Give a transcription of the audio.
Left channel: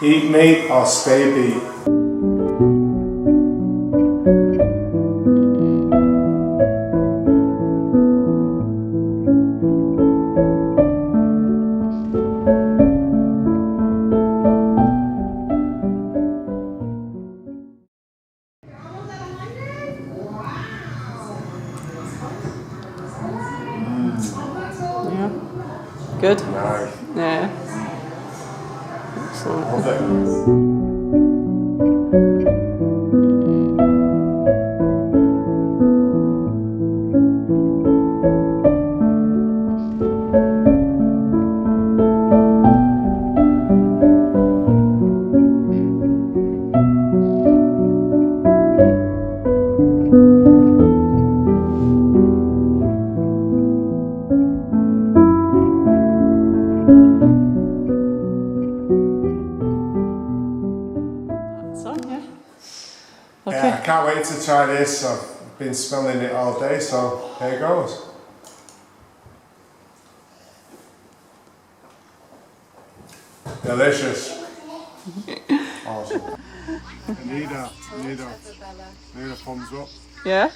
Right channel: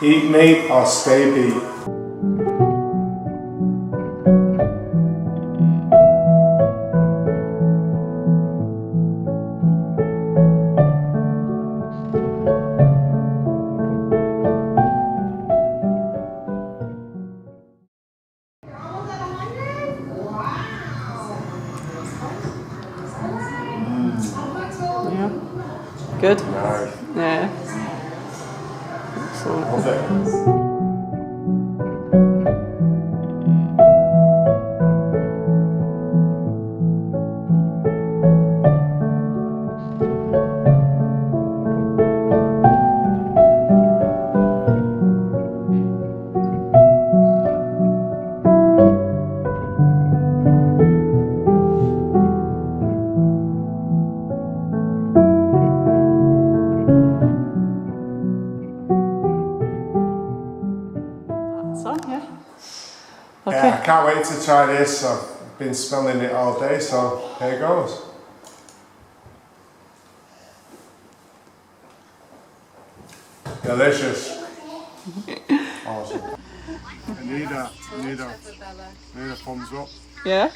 Eat meat or stay beat. Yeah. Good? Nice. Yeah. Excellent. Love it. That's on, yeah. Okay. Yeah, I can't wait to try this. I've been smelling it all day, so here goes. Delicious. Awesome. I need a thumbs up. Yeah?